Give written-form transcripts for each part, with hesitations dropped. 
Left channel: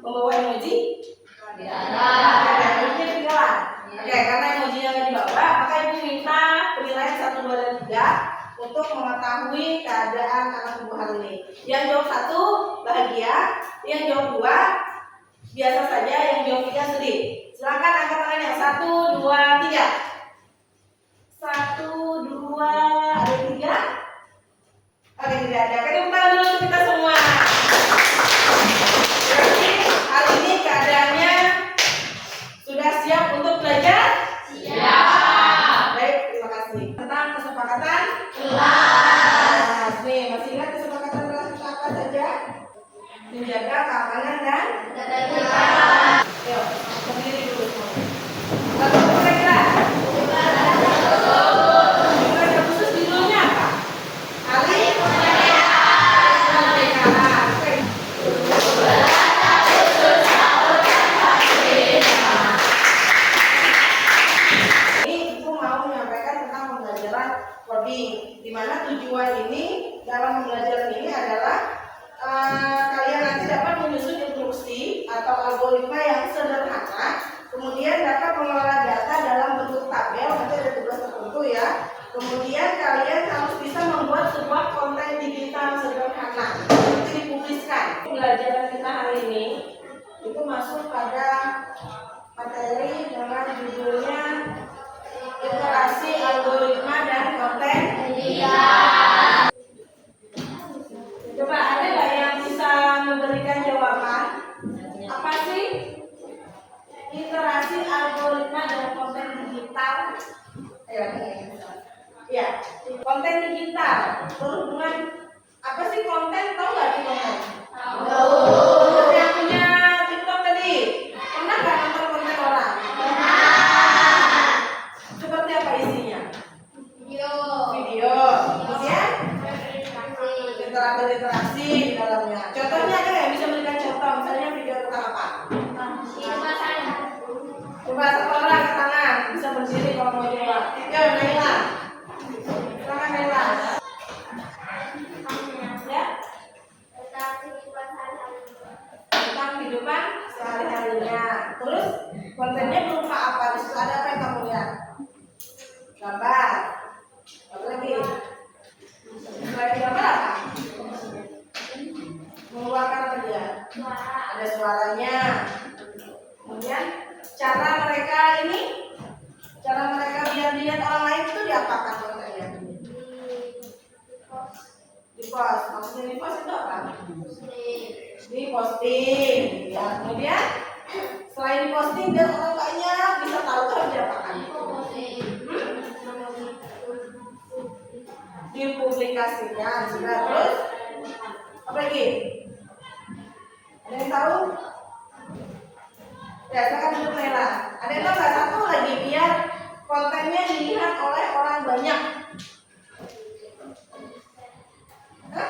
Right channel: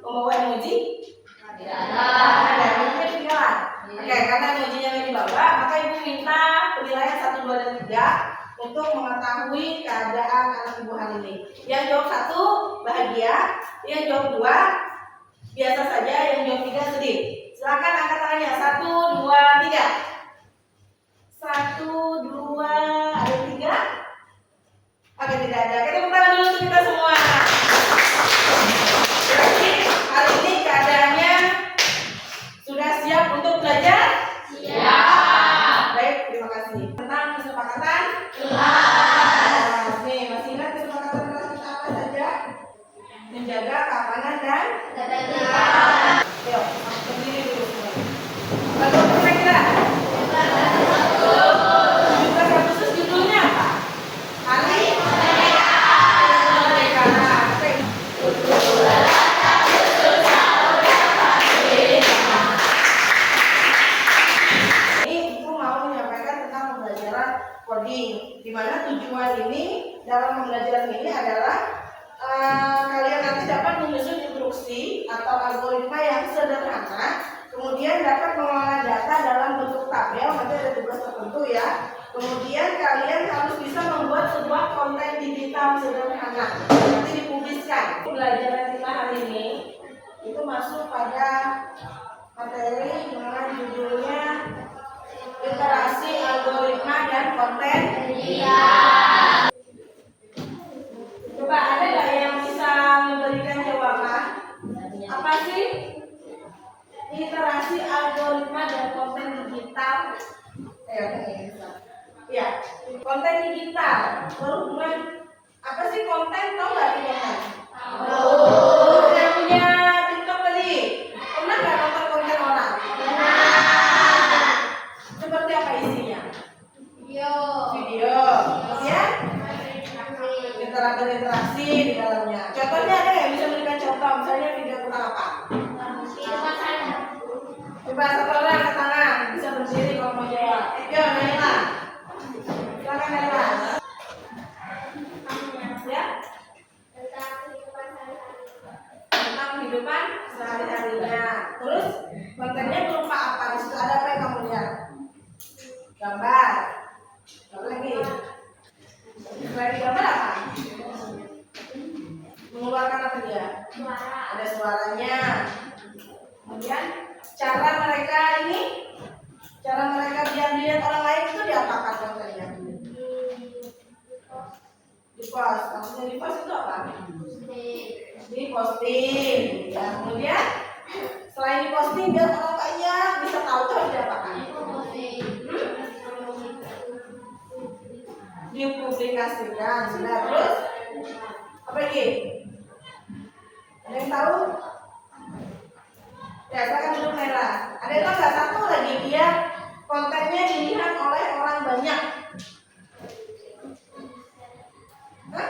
membawa emoji? Tidak ada. Emojinya ketinggalan. Oke, karena emojinya nggak dibawa, maka ibu minta penilaian 1, 2, dan 3 untuk mengetahui keadaan anak ibu hari ini. Yang jawab 1 bahagia, yang jawab 2 biasa saja, yang jawab 3 sedih. Silakan angkat tangannya. 1, 2, 3. 1, 2, ada 3. Oke, tidak ada. Kita tepuk tangan dulu untuk kita semua. Berarti hari ini keadaannya sudah siap untuk belajar? Siap. Baik, terima kasih. Tentang kesepakatan kelas. Nih, masih ingat kesepakatan kelas kita apa saja? Menjaga keamanan dan ketertiban. Yuk, berdiri dulu semuanya. Lalu kira-kira tanggal khusus judulnya apa? Hari Kemerdekaan. Oke. Ini ibu mau menyampaikan tentang pembelajaran coding, di mana tujuan ini dalam pembelajaran ini adalah kalian nanti dapat menyusun instruksi atau algoritma yang sederhana, kemudian dapat mengelola data dalam bentuk tabel, nanti ada tugas tertentu ya. Kemudian kalian harus bisa membuat sebuah konten digital sederhana, nanti dipubliskan. Pembelajaran kita hari ini itu masuk pada materi dengan judulnya literasi algoritma dan konten digital. Coba ada nggak yang bisa memberikan jawaban? Apa sih literasi algoritma dan konten digital? Ya, konten digital berhubungan apa sih konten? Tahu nggak di konten? Tahu. Yang punya TikTok tadi pernah nggak nonton konten orang? Pernah. Seperti apa isinya? Video. Kemudian interaksi di dalamnya. Contohnya ada nggak bisa berikan contoh? Misalnya video tentang apa? Coba satu orang angkat tangan, bisa berdiri kalau mau jawab. Yo, Naila. Silakan Naila. Ya. Tentang kehidupan sehari-harinya. Terus kontennya berupa apa? Di situ ada apa yang kamu lihat? Gambar. Apa lagi? Selain gambar apa? Mengeluarkan apa dia? Ada suaranya. Kemudian cara mereka biar dilihat orang lain itu diapakan kontennya? Di post. Maksudnya di post itu apa? Di posting. Ya, kemudian selain di posting biar orang banyak bisa tahu itu harus diapakan? Dipublikasikan. Sudah. Terus apa lagi? Ada yang tahu? Ya, silakan duduk Naila. Ada yang tahu nggak? Satu lagi, biar kontennya dilihat oleh orang banyak. Hah?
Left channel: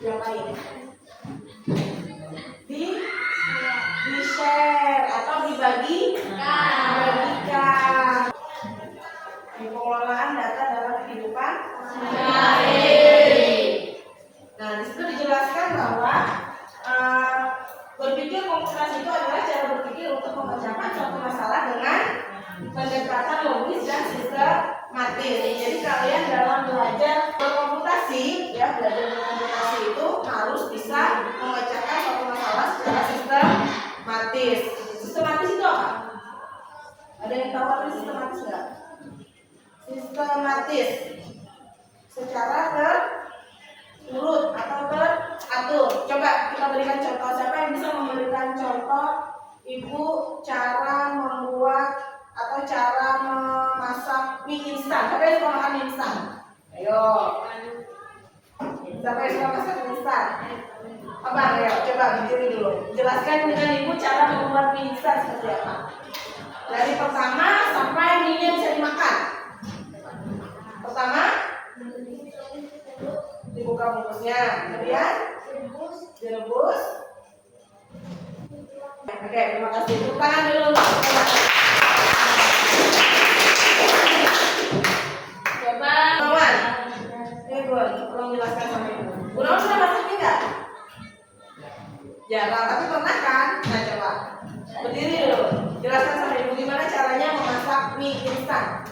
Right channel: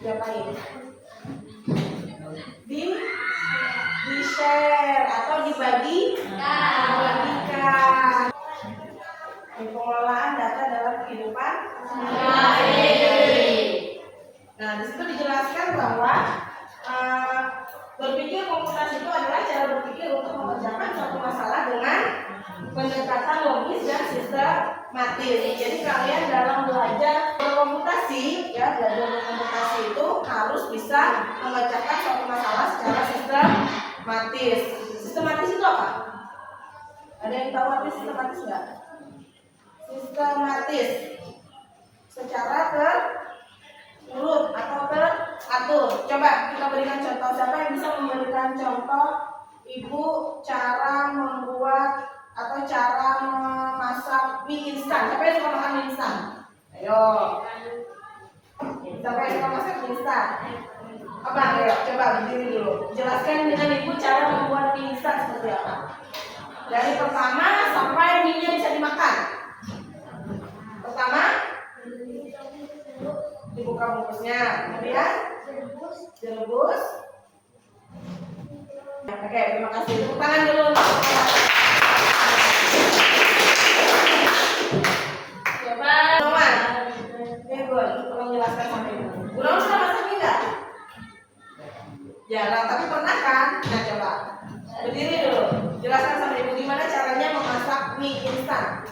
Diapain? Di share atau dibagikan. Di pengelolaan data dalam kehidupan sehari-hari. Nah, di situ dijelaskan bahwa berpikir komputasi itu adalah cara berpikir untuk mengerjakan suatu masalah dengan pendekatan logis dan sistematis. Jadi kalian dalam belajar berkomputasi, ya belajar berkomputasi itu harus bisa memecahkan suatu masalah secara sistematis. Sistematis itu apa? Ada yang tahu apa sistematis nggak? Sistematis secara terurut atau teratur. Coba kita berikan contoh. Siapa yang bisa memberikan contoh ibu cara membuat atau cara memasak mie instan? Siapa yang suka makan mie instan? Ayo. Siapa yang suka masak mie instan? Abang, ayo coba berdiri dulu. Jelaskan dengan ibu cara membuat mie instan seperti apa. Dari pertama sampai mie-nya bisa dimakan. Pertama, dibuka bungkusnya, kemudian direbus. Oke, terima kasih. Tepuk tangan dulu. Coba, Noman. Ini Gun, tolong jelaskan sampai Ibu. Bu Noman sudah masak mie nggak? Jarang, tapi pernah kan? Nah coba berdiri dulu. Jelaskan sama ibu gimana caranya memasak mie instan.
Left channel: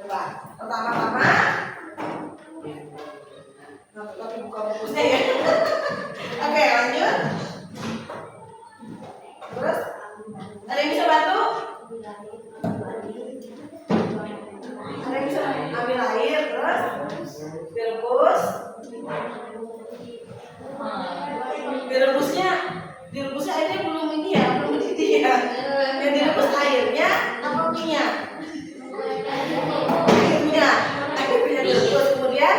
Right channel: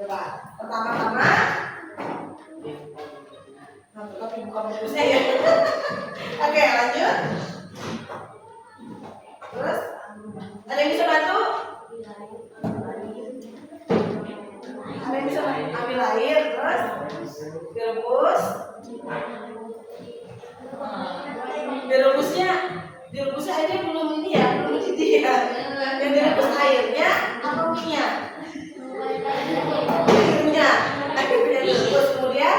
Coba pertama-tama, tapi buka bukusnya ya. Oke, lanjut. Terus ada yang bisa bantu? Ada yang bisa ambil air, terus direbus. Direbusnya airnya belum ini ya, belum mendidih ya. Yang direbus airnya apa minyak? Airnya direbus, kemudian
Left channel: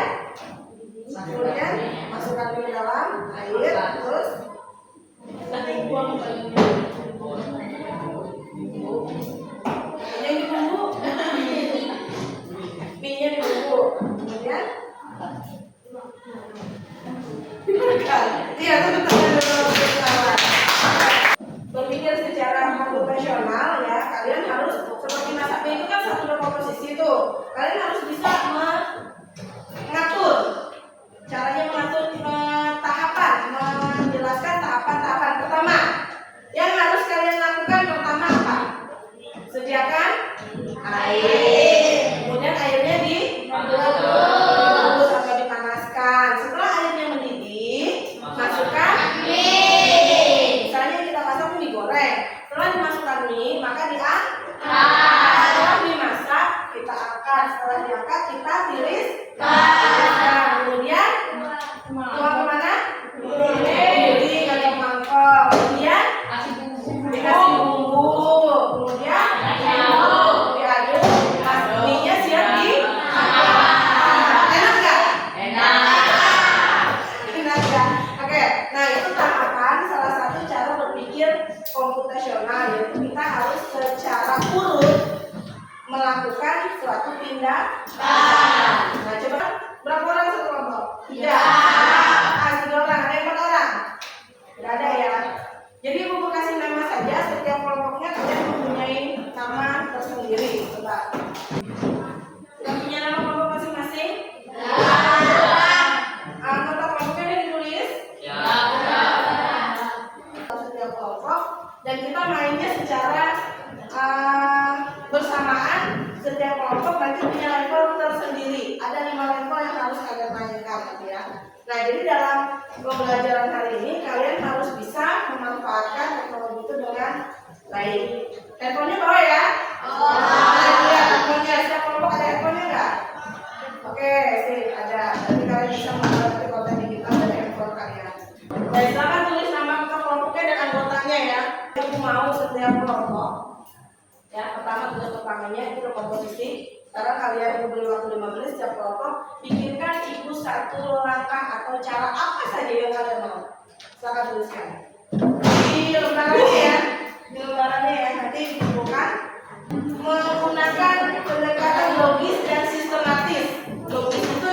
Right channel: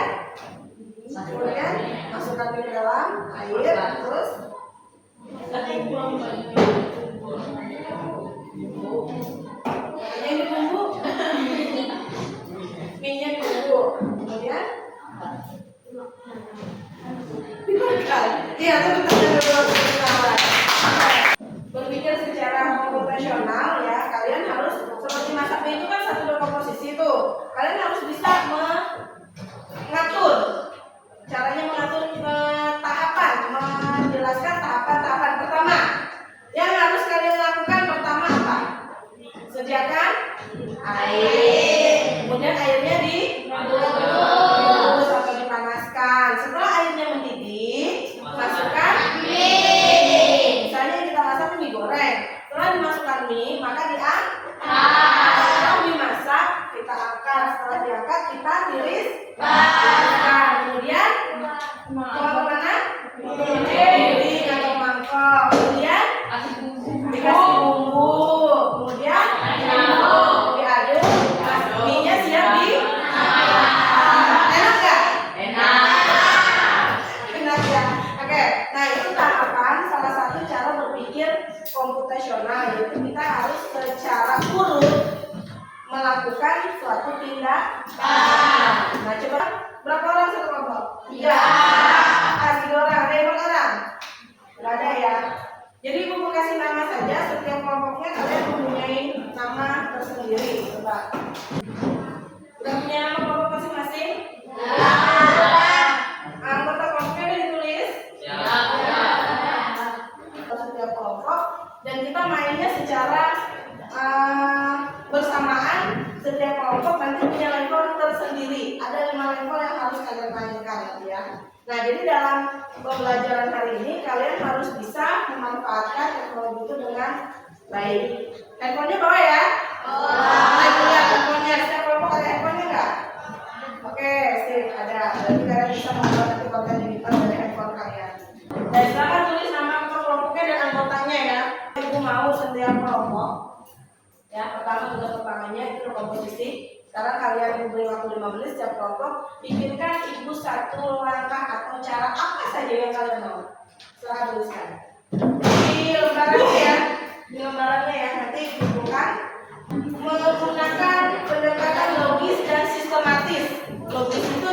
masukkan ke dalam air, terus ini dibumbu, minyak dibumbu, kemudian dimakan. Iya, itu berpikir secara profesional ya, kalian harus seperti masak mie itu kan satu berkomposisi tuh. Kalian harus bisa mengatur caranya, mengatur tahapan, menjelaskan tahapan-tahapan. Pertama, yang harus kalian lakukan pertama apa? Sediakan air. Kemudian airnya direbus atau dipanaskan. Setelah airnya mendidih, masukkan mie. Misalnya kita masak mie goreng. Setelah dimasukkan mie, maka diangkat. Setelah dimasak, kita angkat. Setelah diangkat, kita tiriskan. Kemudian dibawa kemana? Piring atau mangkok. Kemudian dikasih bumbu. Kemudian diaduk. Mie-nya siap enak nggak? Enak ya. Oke, nah itu tahapan salah satu cara berpikir komputasional, yaitu kita harus secara urut melakukan suatu tindakan. Nah coba, berapa orang satu kelompok? 3. Kasih 2 orang, ada yang orang? Tidak ada ya. Jadi ibu kasih nama saja, setiap kelompoknya kalian mempunyai nama tersendiri. Coba. Sudah punya nama kelompok masing-masing? Anggota kelompoknya udah ditulis? Ya. Setiap kelompok, dan kita mainnya secara bersamaan. Setiap kelompok nanti punya level tersendiri. Ada 5 level yang harus kalian mainkan ya. Nah, jadi dalam pembelajaran hari ini kalian harus bisa memanfaatkan teknologi itu dengan baik. Handphonenya bawa ya? Lihat handphonenya. Setiap kelompok ada handphonenya nggak? Oke, sip, ada. Berarti kalian bisa membuat nanti konten digital dari handphone kalian. Baik, silakan tulis nama kelompoknya dan anggotanya ya. Ibu mau setiap kelompok. Ya, pertama tugas pertamanya itu komposisi. Sekarang kalian beri waktu 5 menit setiap kelompok. Pikirkan ibu satu langkah atau cara apa saja yang kalian mau. Silakan tuliskan di lembarannya ya. Di lembarannya ya, nanti bukan menggunakan pendekatan logis dan sistematis. Logis itu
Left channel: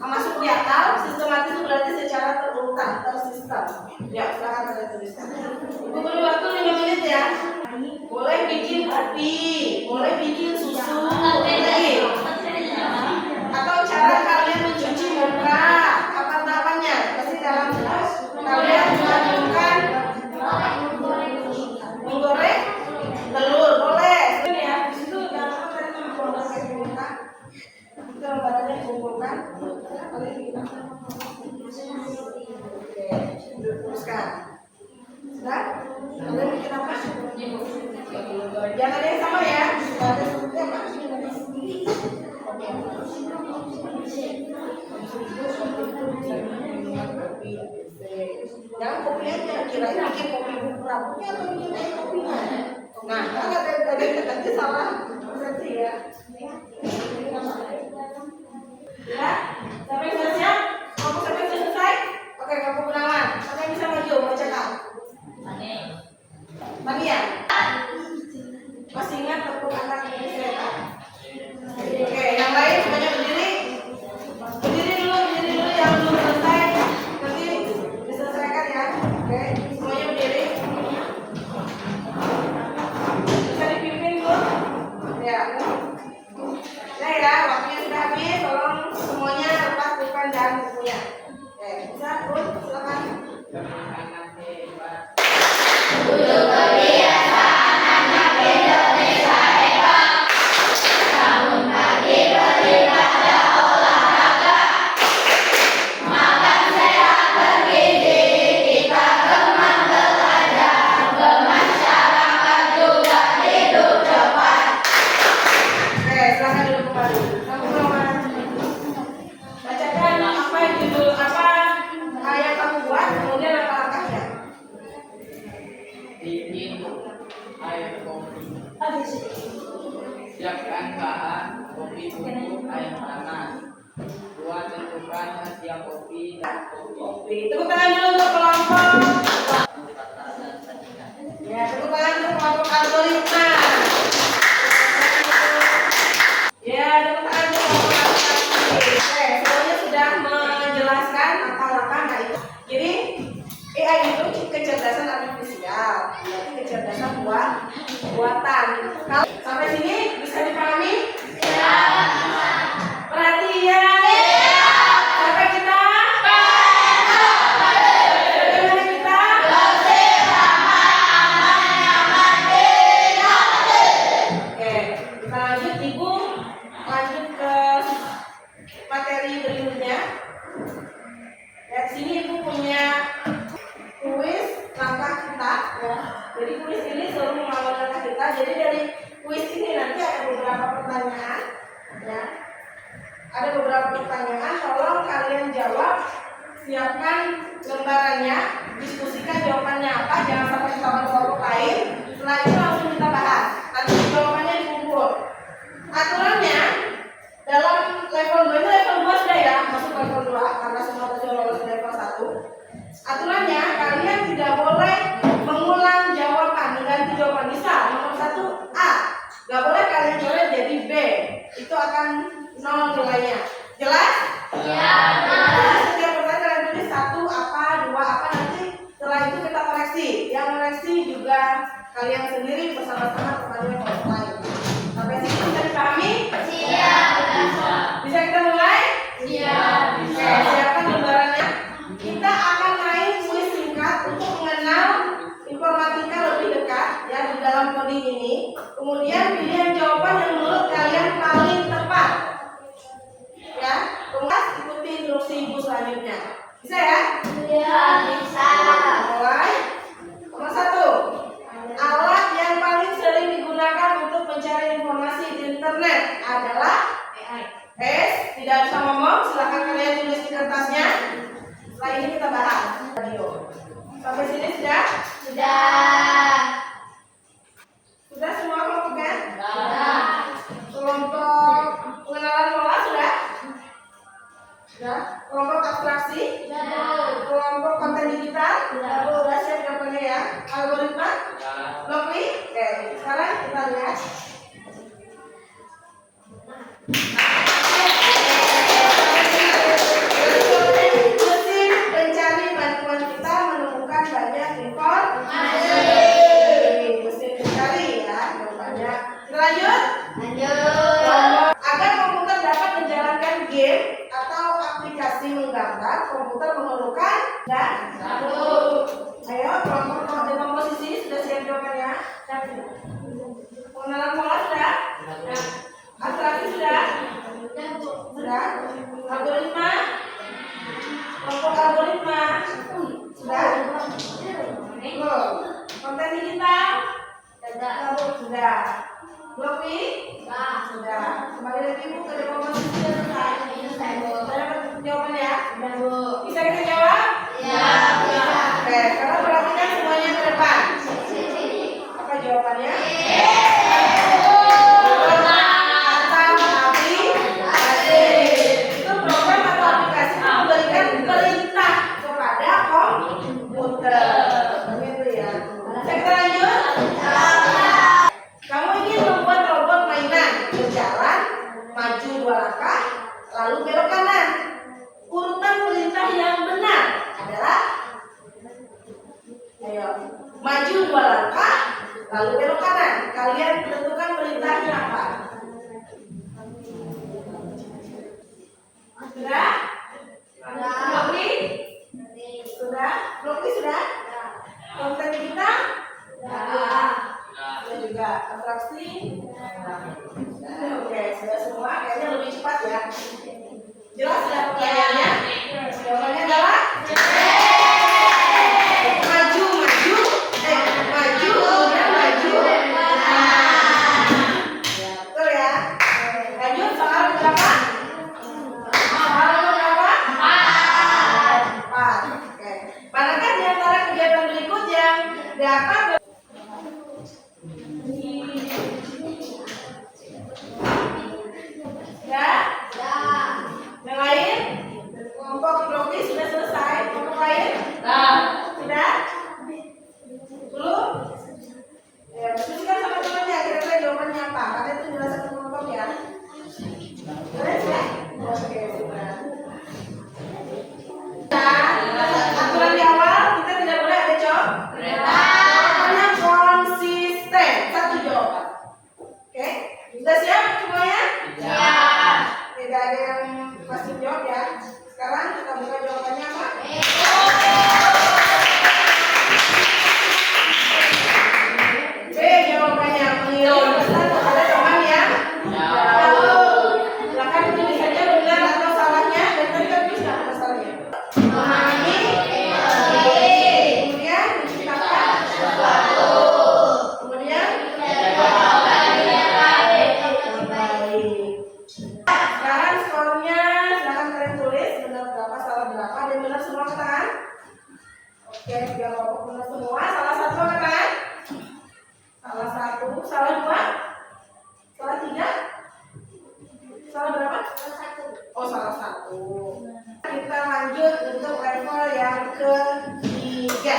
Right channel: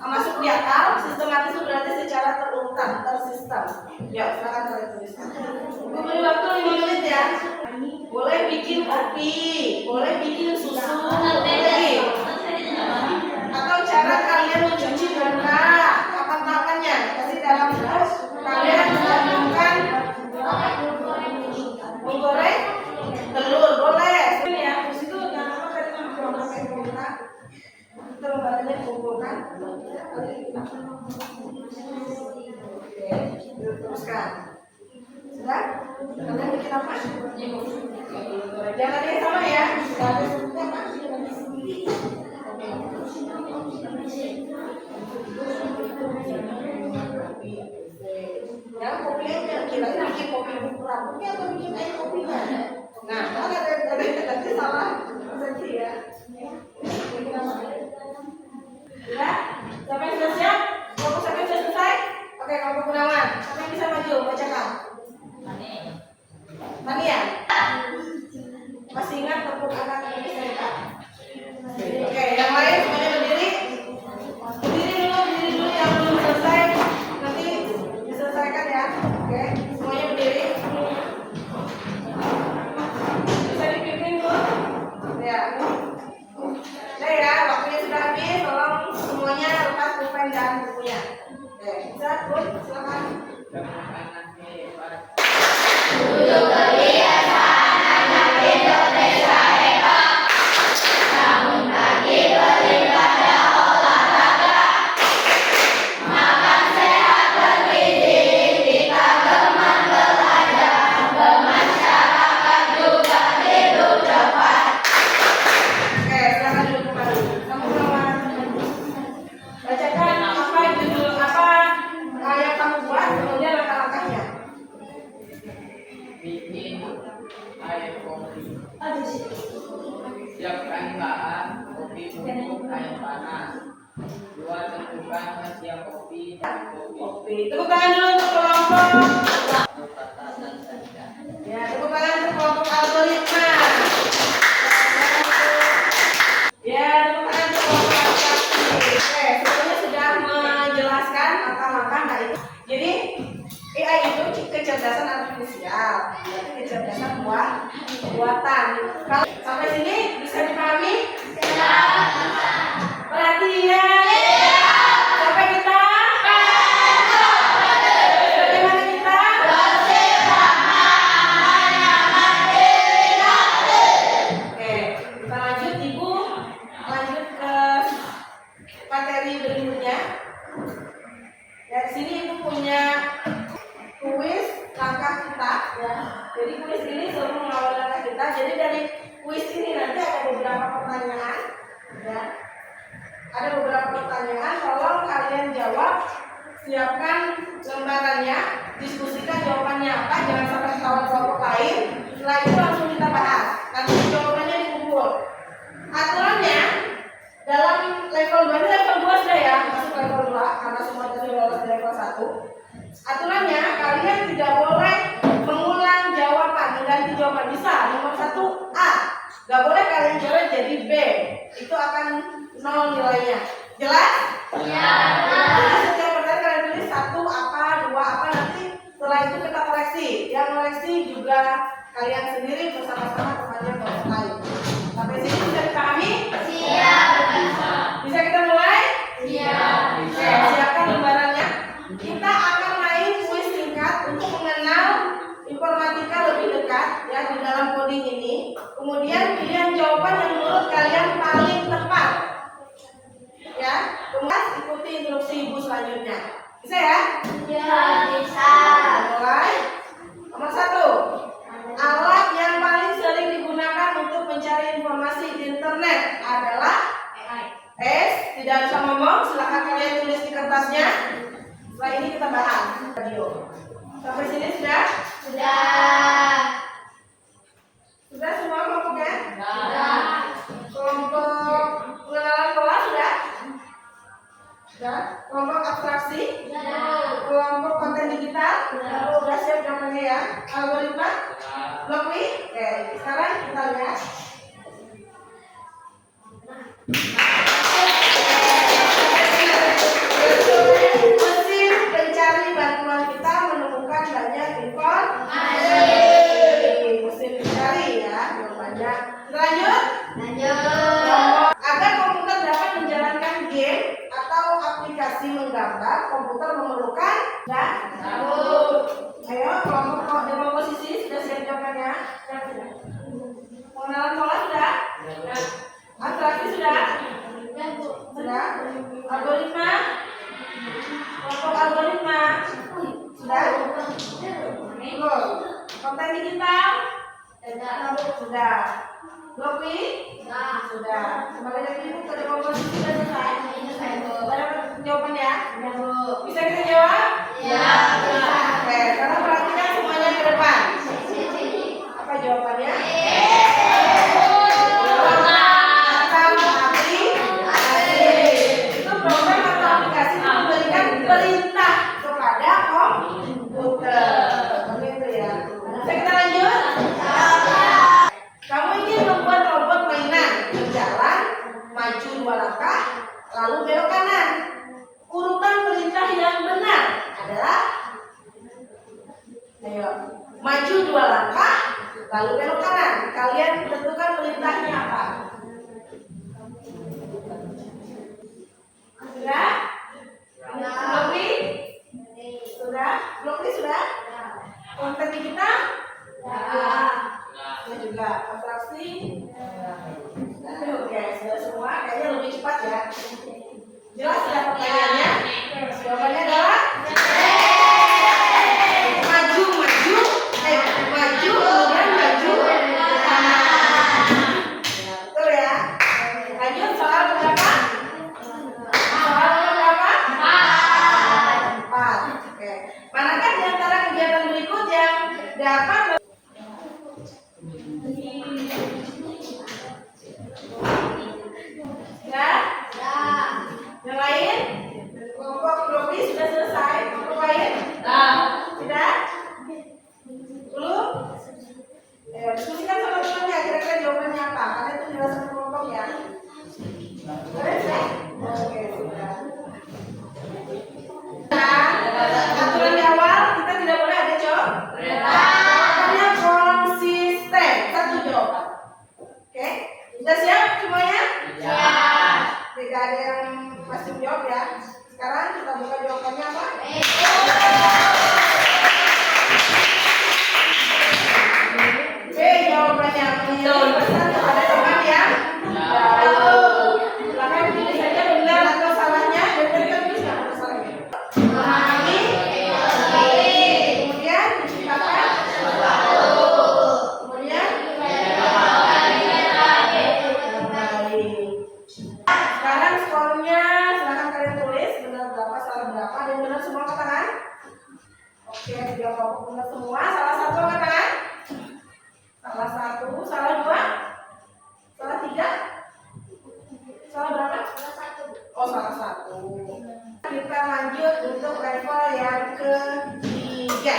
masuk di akal, sistematis itu berarti secara terurutan, tersistem. Ya, silakan kalian tuliskan. Ibu beri waktu 5 menit ya. Boleh bikin kopi, boleh bikin susu, lagi. Atau cara kalian mencuci muka, tahapan-tahapannya. Pasti dalam kelas kalian melakukan menggoreng telur, boleh. Ini ya, di situ jangan lupa tadi pakai kumpulkan. Kita lembarannya kumpulkan. Oke, teruskan. Sudah? Kalian bikin apa? Jangan ada yang sama ya. Ada sebutnya Pak. Yang kopinya kirain bikin kopi rambutnya atau bikin kopinya. Nah, ada salah persepsi ya. Ya, siapa yang sudah siap? Kelompok siapa yang sudah selesai? Oke, kelompok Gunawan. Siapa yang bisa maju bacakan? Mania. Masih ingat tepuk anak Indonesia ya Kak? Oke, yang lain semuanya berdiri. Berdiri dulu yang belum selesai. Nanti diselesaikan ya. Oke, semuanya berdiri. Bisa dipimpin dulu. Ya. kopi bubuk air panas. 2. Tentukan khasiat kopi dan kopi. Tepuk tangan dulu untuk kelompok. Tatanan saja. Ya, tepuk tangan untuk kelompok algoritma. Ya, tepuk tangan untuk kelompok abstraksi. Oke, semuanya sudah menjelaskan langkah-langkah. Nah itu. Jadi AI itu kecerdasan artifisial, berarti kecerdasan buatan. Kalau sampai sini bisa dipahami? Perhatian. Sampai kita. Bagaimana kita? Oke, kita lanjut. Ibu lanjut ke materi berikutnya. Dari sini ibu punya kuis langkah kita, ya. Jadi kuis ini seluruh mengawal langkah kita. Jadi dari kuis ini nanti ada beberapa pertanyaan, ya. Ada beberapa pertanyaan. Tolong kalian jawab. Siapkan lembarannya, diskusikan jawabannya apa. Jangan sampai ketahuan kelompok lain. Setelah itu langsung kita bahas. Nanti jawabannya dikumpul. Aturannya dalam level 2 ini level 2 sudah ya, masuk level 2 karena semua tadi lolos di level 1. Aturannya kalian tidak boleh mengulang jawaban, mengganti jawaban. Bisa nomor 1 A, nggak boleh kalian coret jadi B, itu akan 0 nilainya. Jelas? Iya. Jadi setiap pertanyaan kalian tulis 1 apa, 2 apa, nanti setelah itu kita koreksi. Yang koreksi juga kalian sendiri bersama-sama teman yang lain. Sampai sini bisa dipahami? Siap. Bisa kita mulai? Siap. Oke, siapkan lembarannya. Kita akan main kuis singkat untuk mengenal informatika lebih dekat ya di dalam coding ini. Kemudian pilihan jawaban yang menurut kalian paling tepat. Ya, kemudian ikuti instruksi ibu selanjutnya. Bisa ya? Iya, bisa. Mulai. Nomor 1. Alat yang paling sering digunakan untuk mencari informasi di internet adalah S. Tidak bisa ngomong, silakan kalian tulis di kertasnya. Setelah ini kita bahas video. Sampai sini sudah? Sudah. Sudah semua kelompoknya? Sudah. Kelompok pengenalan pola sudah? Sudah. Kelompok abstraksi? Sudah. Kelompok konten digital? Sudah. Sudah siap jawabannya ya? Algoritma? Sudah. Oke. Sekarang kita lihat. Mesin pencari bantuan kita menemukan banyak informasi. Mesin pencari ya, banyak. Lanjut. Agar komputer dapat menjalankan game atau aplikasi menggambar, komputer memerlukan ayo kelompok komposisi sudah siap jawabannya. Pengenalan pola sudah? Abstraksi sudah? Sudah? Algoritma? Kelompok algoritma? Sudah? Belum? Konten digital? Sudah? Blok B? Sudah. Kembali lagi ibu ke komposisi sudah selesai. Sudah dapat jawabannya? Bisa kita jawab? Ya. Oke, sekarang perhatikan semuanya ke depan. Apa jawabannya? Perintah kepada komputer. Begitu ya. Kita lanjut. Kamu ingin membuat robot mainan berjalan maju 2 langkah lalu belok kanan. Urutan perintah yang benar adalah ayo maju 2 langkah lalu belok kanan. Kalian tentukan perintahnya apa? Sudah? Blokli? Sudah? Blokli sudah? Konten digital? Sudah juga. Abstraksi? Oke, sudah semua. Kayaknya lebih cepat ya. Jelas ya pertanyaannya? Jawabannya adalah maju, kemudian maju. Ya, betul ya. Lanjut soal berapa? Soal berapa? 4. Oke. Manakah di antara kegiatan berikut yang dapat ada yang pasti jawab ya. Sekarang kita buka jawabannya apa? B jawabannya, mengirim pesan kepada teman yang jauh. Silakan pilih saja benar atau salahnya, dan tadi kan tulis nggak ada salahnya. Memahami, kemudian menciptakan, kemudian sekarang skornya silakan kalian tulis benar berapa, salah berapa, dan benar semua angkat tangan. Oke, biar kelompok benar semua. Salah satu angkat tangan. Salah satu, salah dua, salah tiga, salah berapa? Salah satu. Oh, salah satu. Kita lanjut untuk level yang ketiga.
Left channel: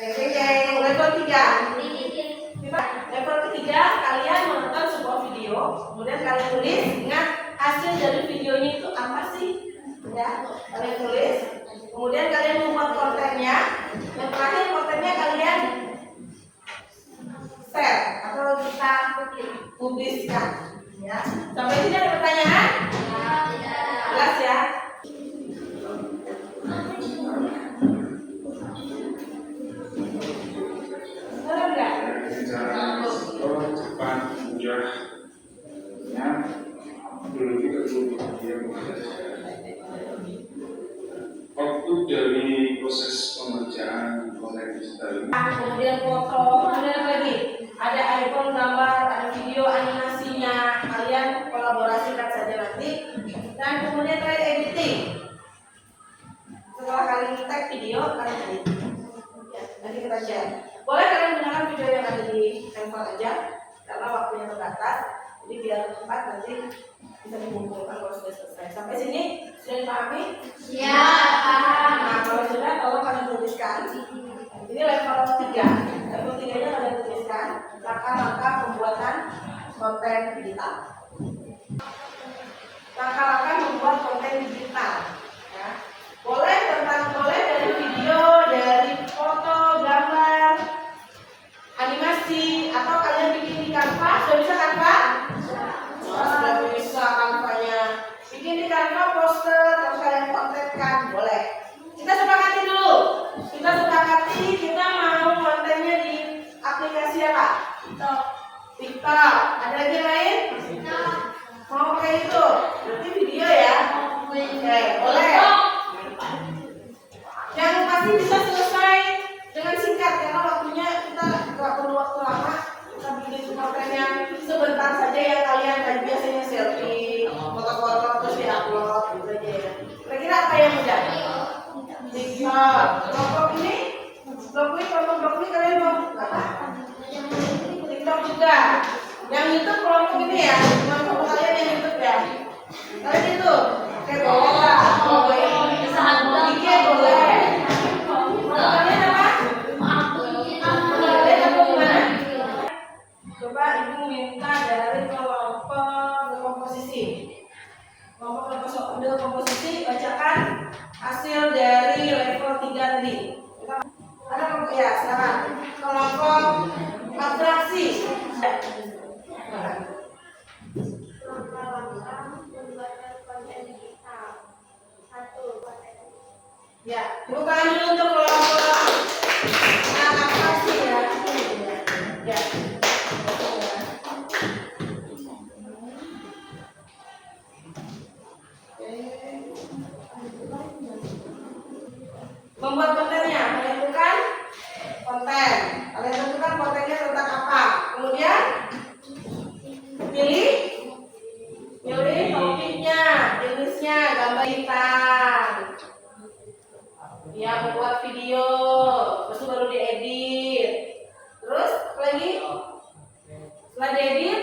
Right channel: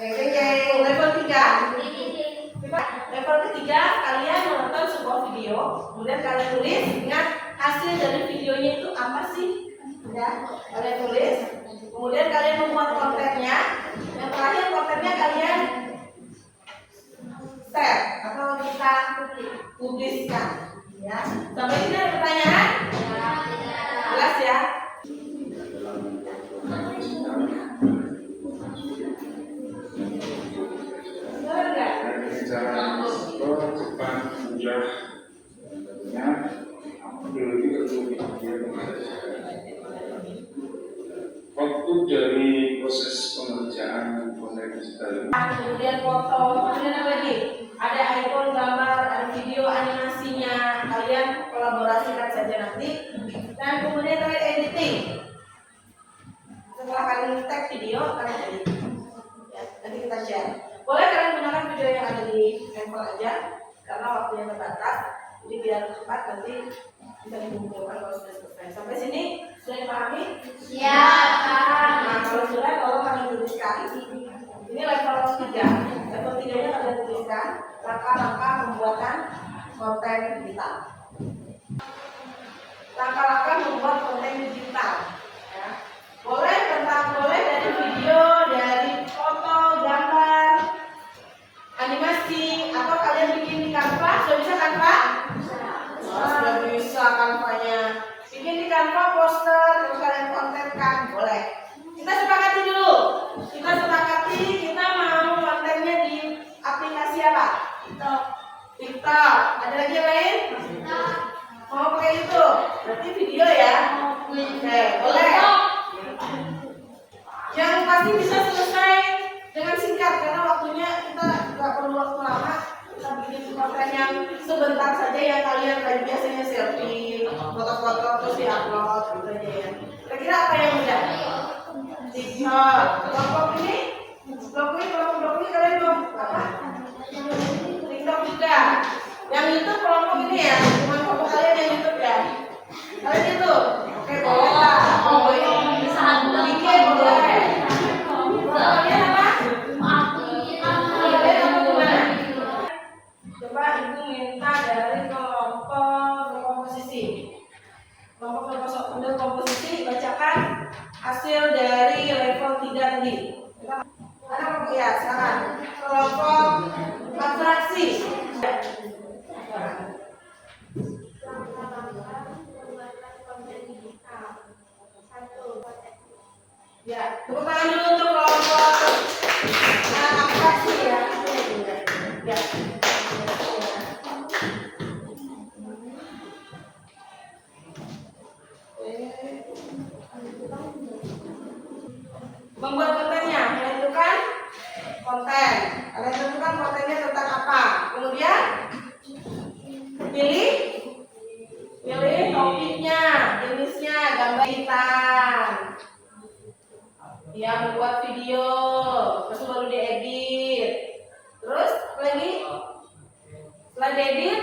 Level 3. Level ketiga, kalian menonton sebuah video, kemudian kalian tulis, ingat hasil dari videonya itu apa sih? Ya, kalian tulis, kemudian kalian membuat kontennya, yang terakhir kontennya kalian share atau kita publiskan. Ya, sampai sini ada pertanyaan? Jelas ya? Waktu dari proses pengerjaan konten digital ini, kemudian foto, kemudian apa lagi? Ada icon, gambar, ada video, animasinya. Kalian kolaborasikan saja nanti. Dan kemudian kalian editing. Setelah kalian tag video, kalian edit. Ya, nanti kita share. Boleh kalian gunakan video yang ada di handphone aja, karena waktunya terbatas. Jadi biar cepat nanti bisa dikumpulkan kalau sudah selesai. Sampai sini sudah dipahami? Ya. Nah, kalau sudah, tolong kalian tuliskan. Ini level 3. Level 3-nya kalian tuliskan langkah-langkah pembuatan konten digital. Langkah-langkah membuat konten digital. Ya. Boleh dari video, dari foto, gambar, animasi, atau kalian bikin di Canva. Sudah bisa Canva? Oh, sudah bisa Canva-nya. Bikin di Canva poster, terus kalian kontenkan, boleh. Kita sepakati dulu. Kita mau kontennya di aplikasi apa? TikTok. Ada lagi yang lain? Mau pakai itu? Berarti video ya? Oke, boleh. Yang pasti bisa selesai dengan singkat karena waktunya kita nggak perlu waktu lama. Kita bikin konten yang sebentar saja yang kalian kayak biasanya selfie, foto-foto terus diupload gitu aja ya. Kira-kira apa yang mudah? TikTok. Kelompok ini kalian mau apa? TikTok juga. Yang YouTube kelompok ini ya, cuma kelompok kalian yang YouTube ya. Kalian itu, oke boleh lah. IG boleh. Kalian apa? Kalian apa gimana? Coba ibu minta dari kelompok komposisi. Kelompok komposisi bacakan hasil dari level 3 tadi. Ada kelompok ya, silakan. Kelompok fraksi. Ya, tepuk tangan dulu untuk kelompok fraksi ya. Ya. Membuat kontennya, menentukan konten. Kalian tentukan kontennya tentang apa. Kemudian pilih topiknya, jenisnya, gambar hitam. Ya, membuat video, terus baru diedit. Terus apa lagi? Setelah diedit,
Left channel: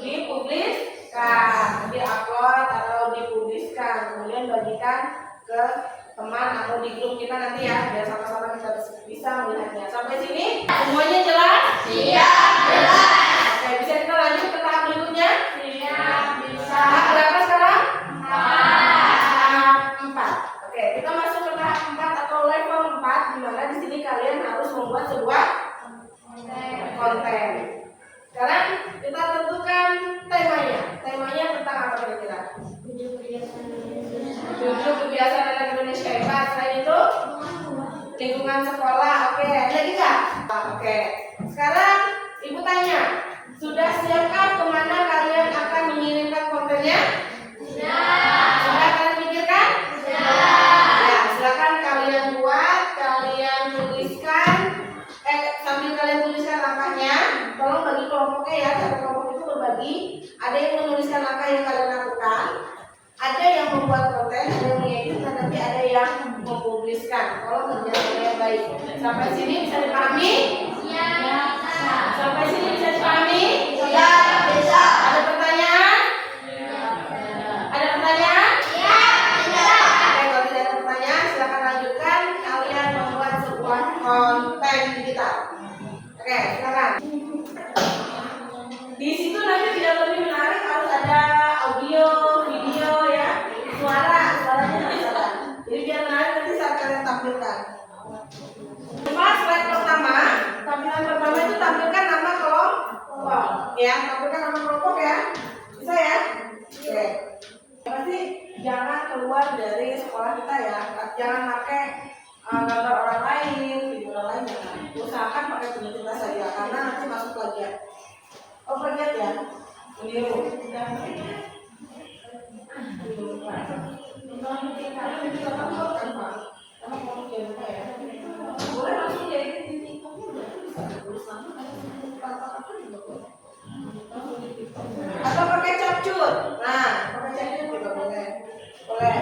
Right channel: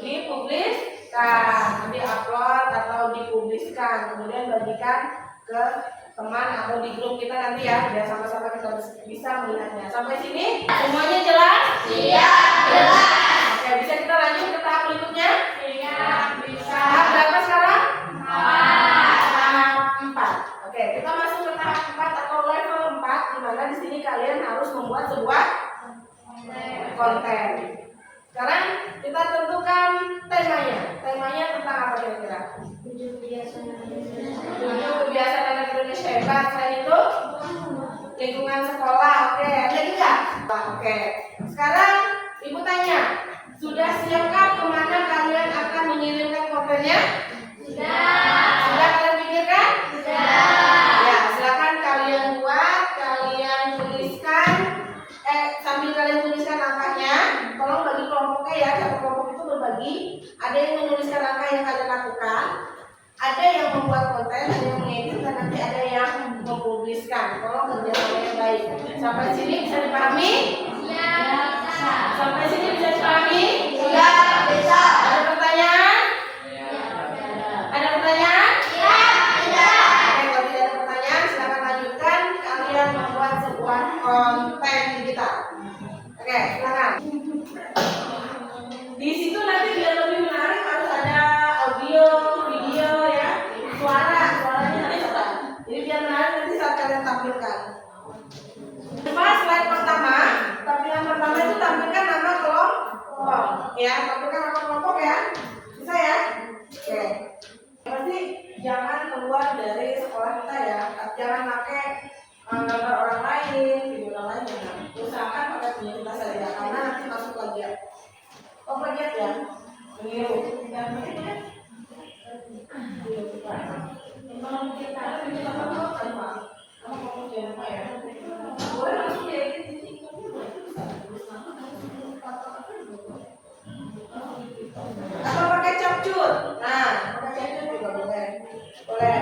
dipubliskan, diupload atau dipubliskan, kemudian bagikan ke teman atau di grup kita nanti ya, biar sama-sama kita bisa melihatnya. Sampai sini semuanya jelas? Iya, jelas. Oke, bisa kita lanjut ke tahap berikutnya? Iya, bisa. Tahap berapa sekarang? Empat. Tahap 4. Oke, kita masuk ke tahap 4 atau level 4, di mana di sini kalian harus membuat sebuah konten. Sekarang kita tentukan temanya. Temanya tentang apa? kira-kira? 7 kebiasaan Indonesia. 7 kebiasaan anak Indonesia hebat. Selain itu lingkungan sekolah. Oke, ada lagi nggak? Oke. Sekarang ibu tanya, sudah siapkah kemana kalian akan mengirimkan kontennya? Sudah kalian pikirkan? Ya, silakan kalian buat, kalian tuliskan. Sambil kalian tuliskan langkahnya, tolong bagi kelompoknya ya. Satu kelompok itu berbagi. Ada yang menuliskan langkah yang kalian lakukan, ada yang membuat konten, ada yang mengedit, dan nanti ada yang mempubliskan. Tolong kerjasama yang baik. Sampai sini bisa dipahami? Sampai sini bisa dipahami? Ada pertanyaan? Ada pertanyaan? Oke, kalau tidak ada pertanyaan, silakan lanjutkan. Kalian membuat sebuah konten digital. Oke, silakan. Di situ nanti biar lebih menarik harus ada audio, video ya, suaranya harus ada. Jadi biar menarik nanti saat kalian tampilkan. Coba slide pertama, tampilan pertama itu tampilkan nama kelompok, ya, tampilkan nama kelompok ya, bisa ya? Oke. Pasti jangan keluar dari sekolah kita ya, jangan pakai gambar orang lain, video orang lain ya. Usahakan pakai punya kita saja, karena nanti masuk plagiat. Oh, plagiat ya? Meniru. Boleh langsung diedit di TikTok juga. Atau pakai capcut. Nah, pakai capcut juga boleh. Boleh.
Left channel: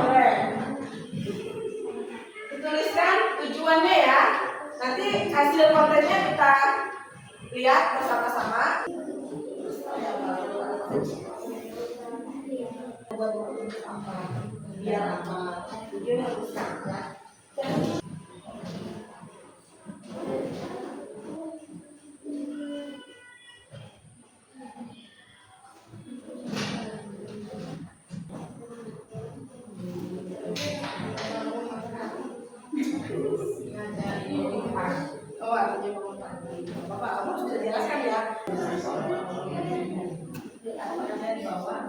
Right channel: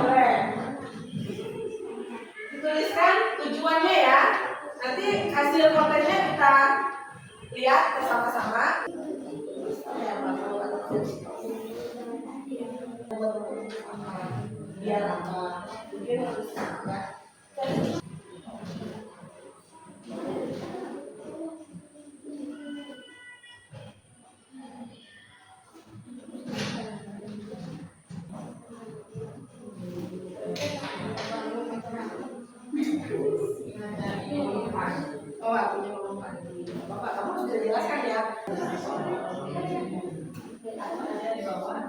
Boleh. Dituliskan tujuannya ya. Nanti hasil kontennya kita lihat bersama-sama. Biar apa? Tujuan harus ya. Oh, artinya bangun pagi. Bapak, kamu harus bisa jelaskan ya. Ada di bawah.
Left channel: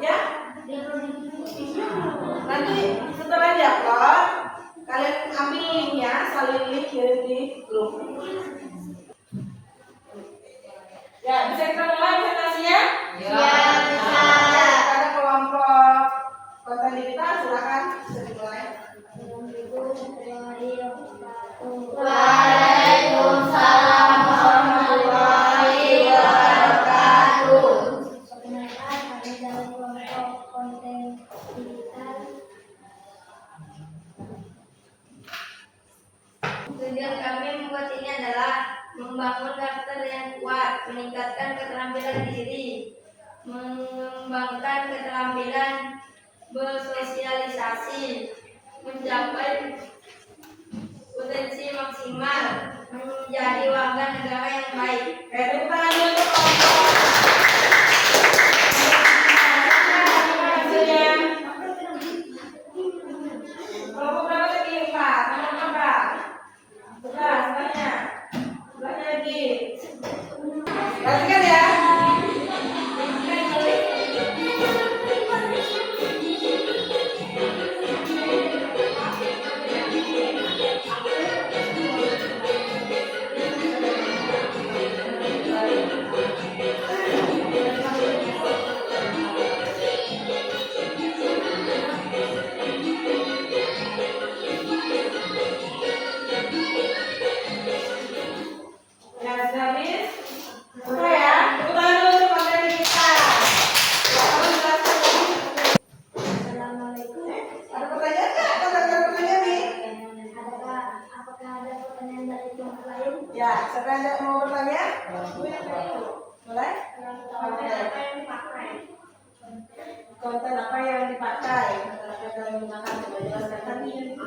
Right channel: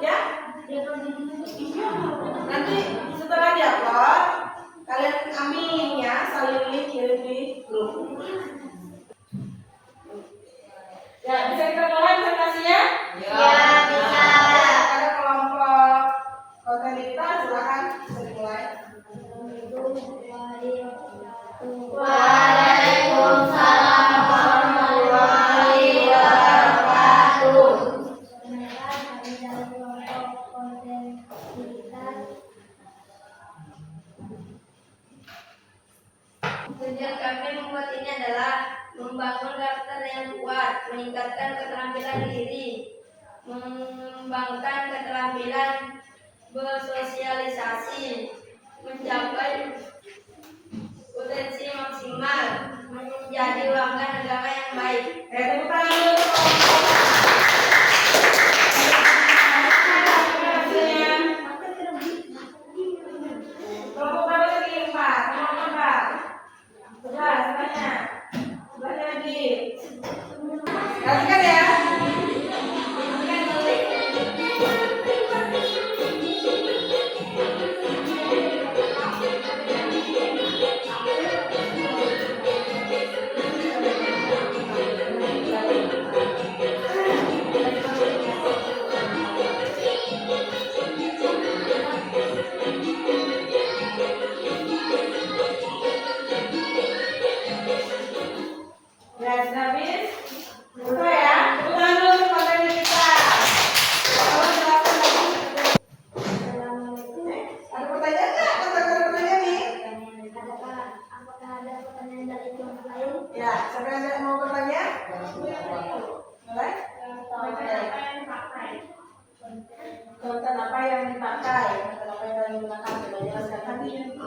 Ya, nanti setelah diupload kalian ambil linknya, salin link, kirim di grup. Ya, bisa kita mulai presentasinya? bisa. Ada kelompok konten digital, silakan bisa dimulai. Waalaikumsalam warahmatullahi wabarakatuh. Perkenalkan, kami dari kelompok konten digital. Tujuan kami membuat ini adalah membangun karakter yang kuat, meningkatkan keterampilan diri, mengembangkan keterampilan bersosialisasi, mencapai potensi maksimal, menjadi warga negara yang baik. Tepuk tangan dulu untuk kelompok berapa tadi? 4. Nomor berapa? 11. Sebelahnya. Sebelahnya lagi. Perhatikan ya. Ya, siapa yang mau bertanya? Mulai? Konten apa yang dipakai? Konten apa yang kalian gunakan? Sudah jelaskan tadi.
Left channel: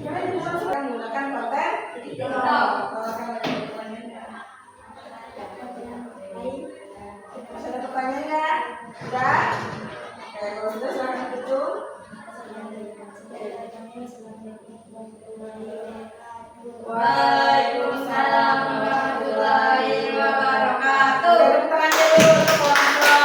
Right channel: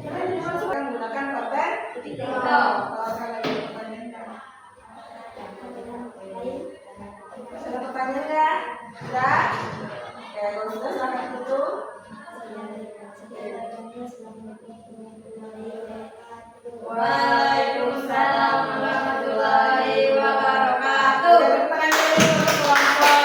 Kalian dimasukkan gunakan konten masih ada pertanyaan ya? Sudah? Oke, kalau sudah silahkan tutup. Waalaikumsalam warahmatullahi wabarakatuh. Tepuk tangan dulu untuk kelompok.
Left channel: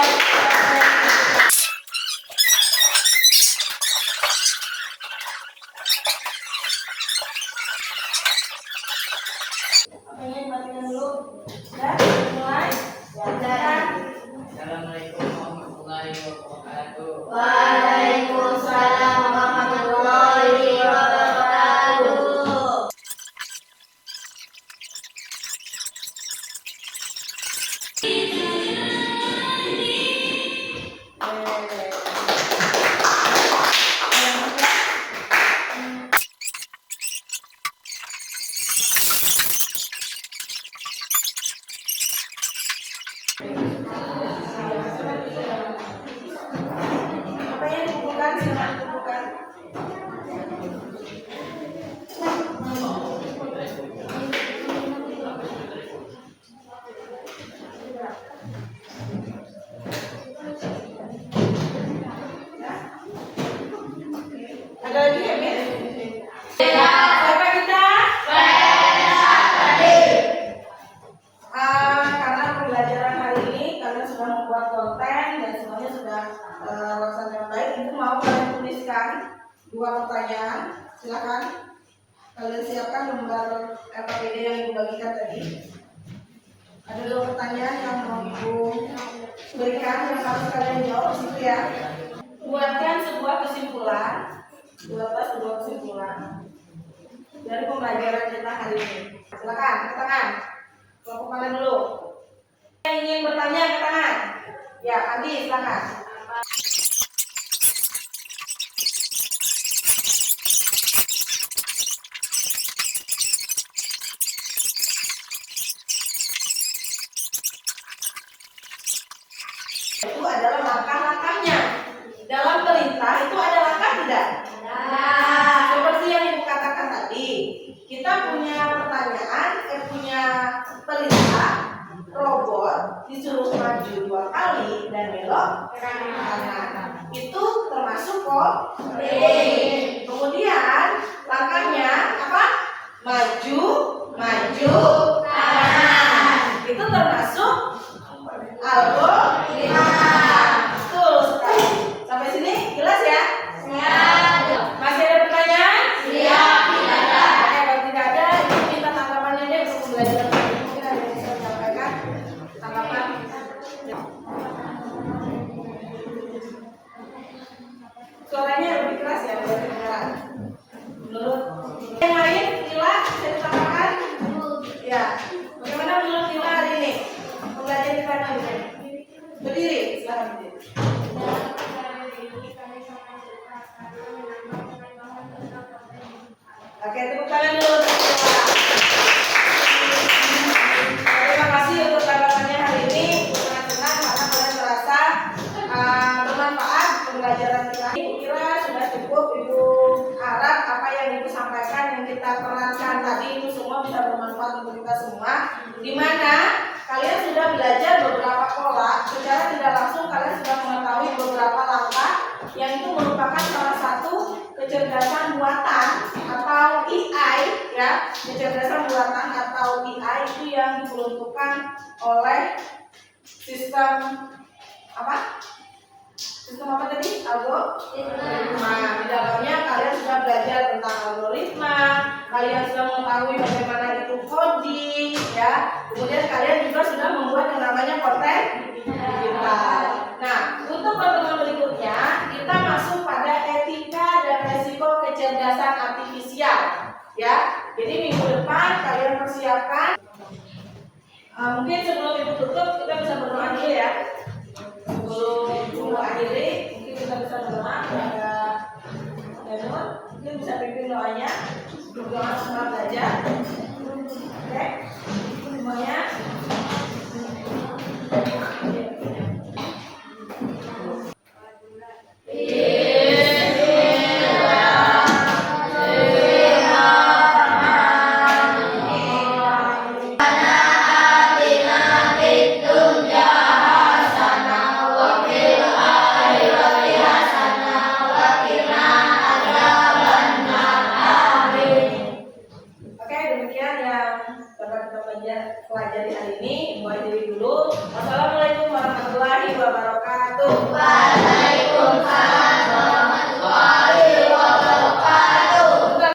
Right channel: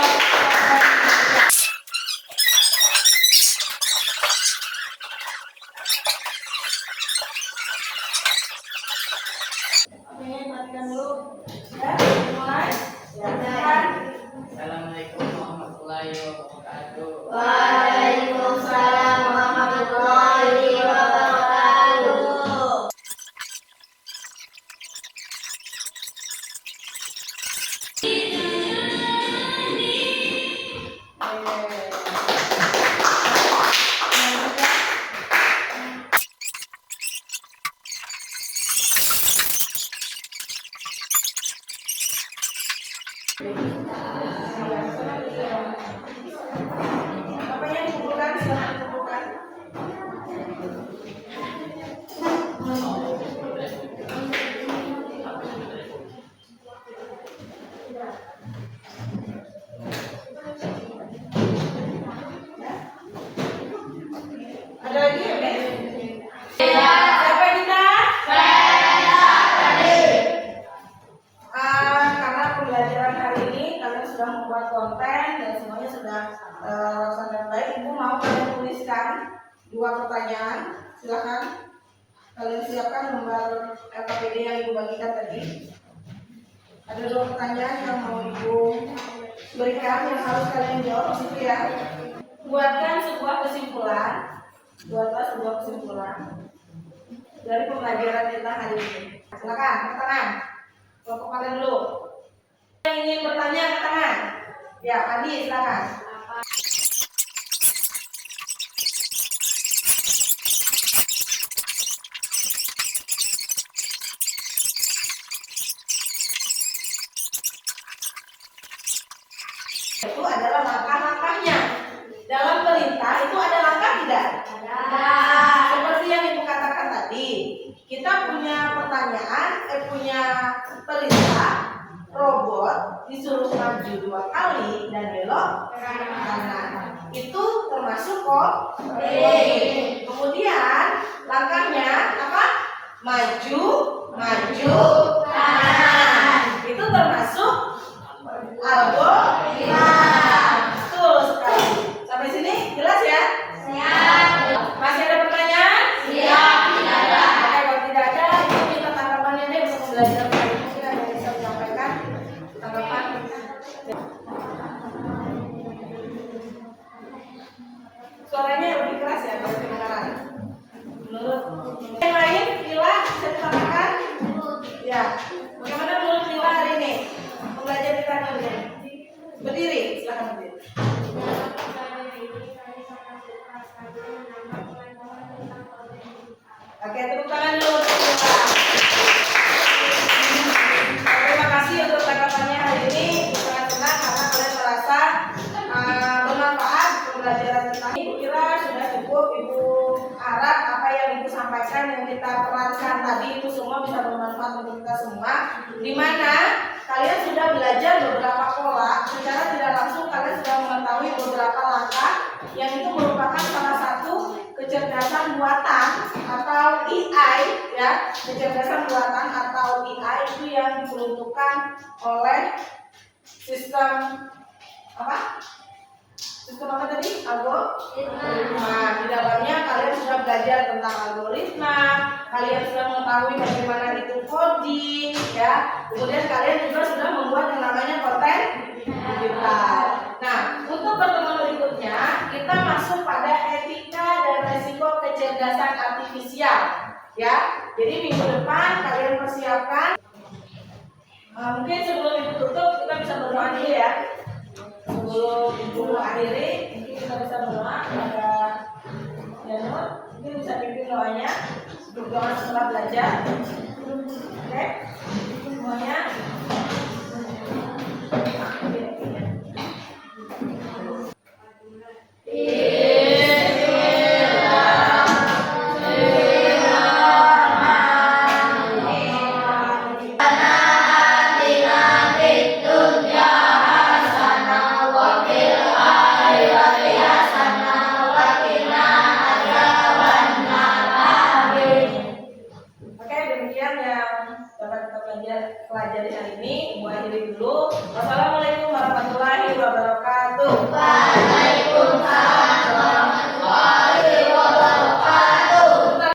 Apanya dimatikan dulu? Ya, mulai. Ya, Assalamualaikum warahmatullahi wabarakatuh. Waalaikumsalam warahmatullahi wabarakatuh. apa yang dikumpulkan silahkan dikumpulkan. Ada lagi ya, Ben? Siapa kita? Karena pembelajaran hari ini kalian sudah membuat konten dan semuanya sudah laksanakan dengan baik. Ibu mau kalian tuliskan 2 pertanyaan. Silakan kalian siapkan lembar LKPD yang ibu bagikan tadi. Ada 2 pertanyaan yang mau ibu berikan yang harus kalian jawab di situ ya. Buatkan sebuah kesimpulan. Buatlah sebuah kesimpulan dari pembelajaran kita hari ini. Silakan, angkat tangan. Kelompok kalian dulu. Yang ingin bertanya, angkat tangan. Ya, Adi, silakan. Itu adalah langkah-langkahnya. Dalam perintah itu ada langkah tidak? Seperti yang ibu katakan tadi, kita punya pertanyaan, punya perintah robot disuruh maju 2 kali dan belok kanan. Itu termasuk kok. Kemudian langkahnya apa? Maju, maju, kanan. Itu termasuk algoritma. Betul sekali. Sampai sini jelas ya? Masih ada pertanyaan? Oke, kalau tidak ada, ibu minta tanggapannya deh untuk pembelajaran hari ini. Mungkin ada yang bisa disampaikan tanggapan. Suaranya lebih keras ya, biar kedengaran. Menurut yang lain, Nila bisa disampaikan? Ya. Bagaimana menurut Nila hari ini? Pembelajaran kita hari ini. Berdiri, silakan berdiri. Oke, tepuk tangan dulu untuk Nila. Terima kasih untuk tanggapannya hari ini. Sangat senang karena kalian merasa bermanfaat pembelajaran kita. Ibu kira sudah cukup. Ibu harap apa yang ibu sampaikan yang kita perankan tadi itu semua bisa bermanfaat untuk kita semua. Di mana kalian sudah belajar beberapa pola, secara tidak langsung kalian sudah mengetahui beberapa langkah yang itu merupakan salah satu kecerdasan buatan atau AI ya. Kecerdasan buatan atau AI itu yang diperuntukkan oleh sistem apa? Sistem apa tadi? Algoritma. Di dalamnya kalian sudah belajar tentang algoritma, kalian sudah mengetahui bagaimana itu coding ya. Kemudian kalian juga sudah membuat yang namanya konten digital. Nah, untuk pertemuan berikutnya kita masuk pada etika dan resiko kecerdasan artifisial ya. Jadi minggu depan kalian persiapkan. Mungkin sebelum ibu tutup kita bisa berdoa dulu ya. Sebelum ibu akhiri mungkin kita bisa berdoa kepada Yanur. Mungkin bisa pimpin doanya. Berdoa setelah belajar. Oke, semuanya. Oke, demikian yang dapat kita pelajari hari ini. Ibu akhiri dulu. Wassalamualaikum warahmatullahi wabarakatuh.